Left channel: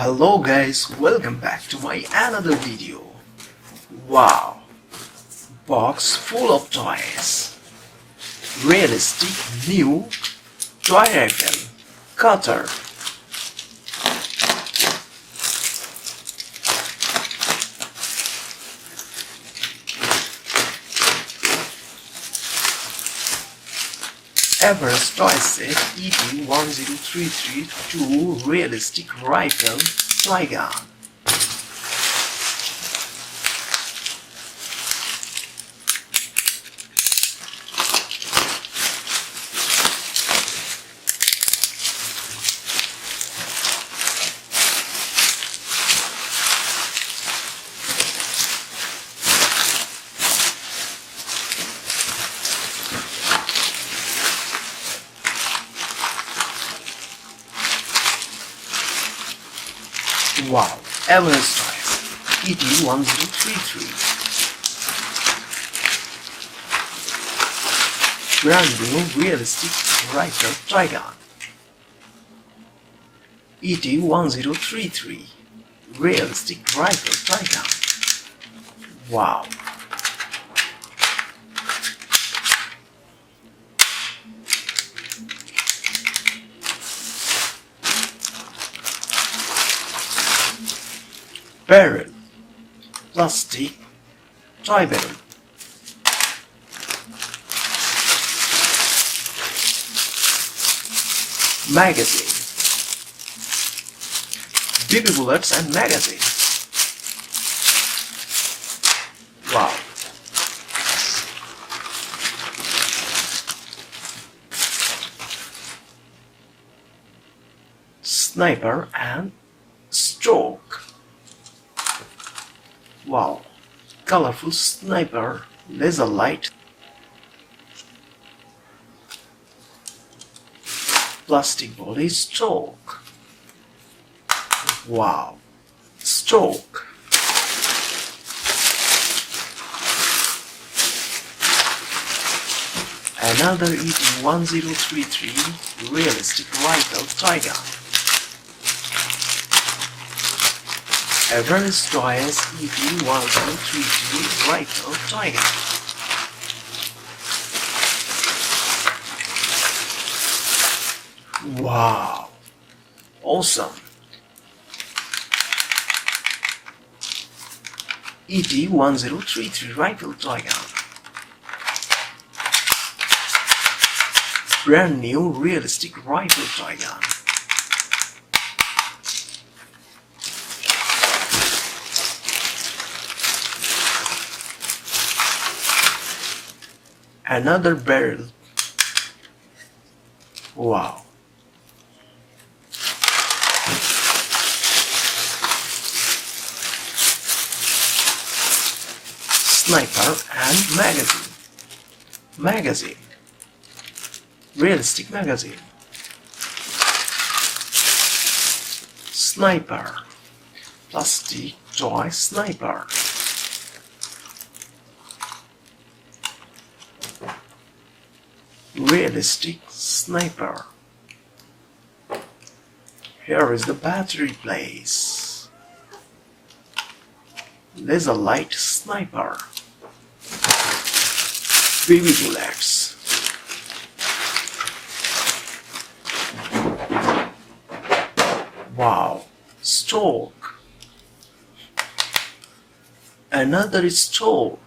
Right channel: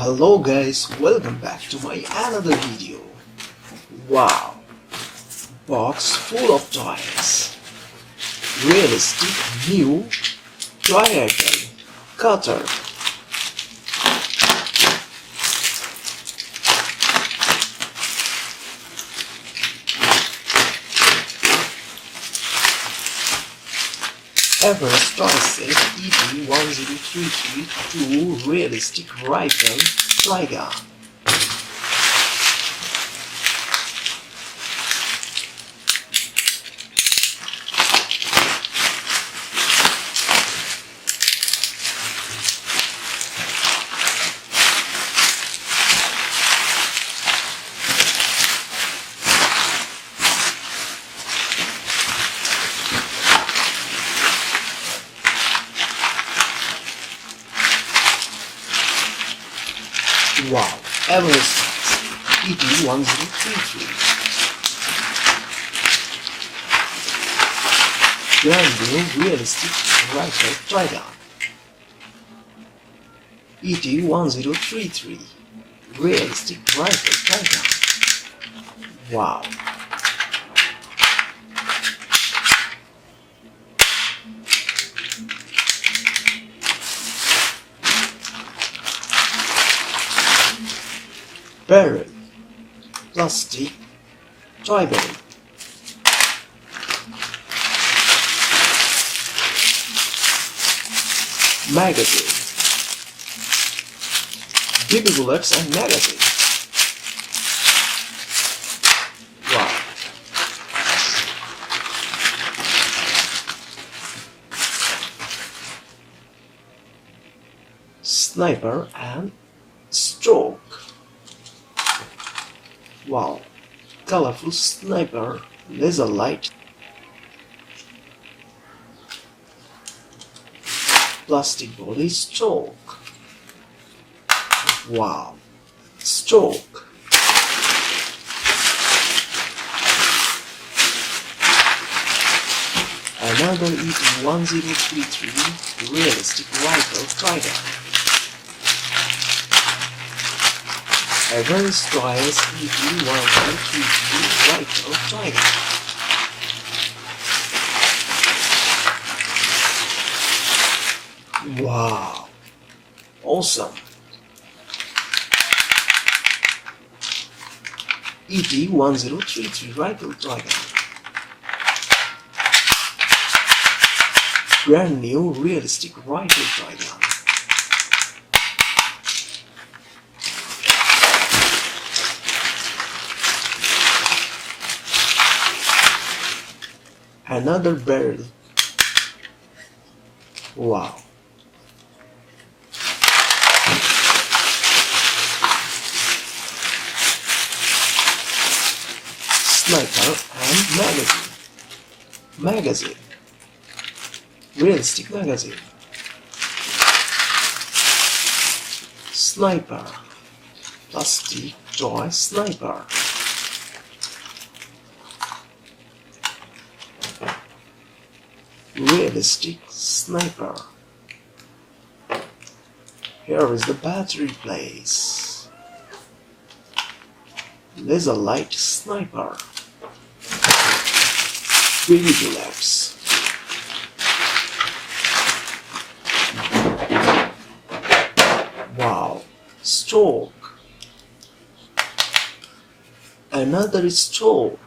Hello guys, welcome back to my another video. Wow, box full of toys. Realistic new toy item cutter. Everest toy set ET1033 2 realistic rifle toy gun. Wow, Everest ET1033. Brand new realistic rifle toy gun. ET1033 realistic rifle toy gun. Wow. Barrel, plastic, toy barrel. Magazine, big bullets and magazine. Wow. Sniper and stroke. Wow, colorful sniper, laser light, plastic body stroke. Wow, stroke. Another ET1033 realistic rifle toy gun. Everest toys ET1033 rifle toy gun. Wow, awesome. ET1033 rifle toy gun. Brand new realistic rifle toy gun. Another barrel. Wow. Sniper and magazine. Magazine. Realistic magazine. Sniper. Plastic toy sniper. Realistic sniper. Here is the battery place. Laser light sniper. Baby bullets. Wow, stroke. Another stroke.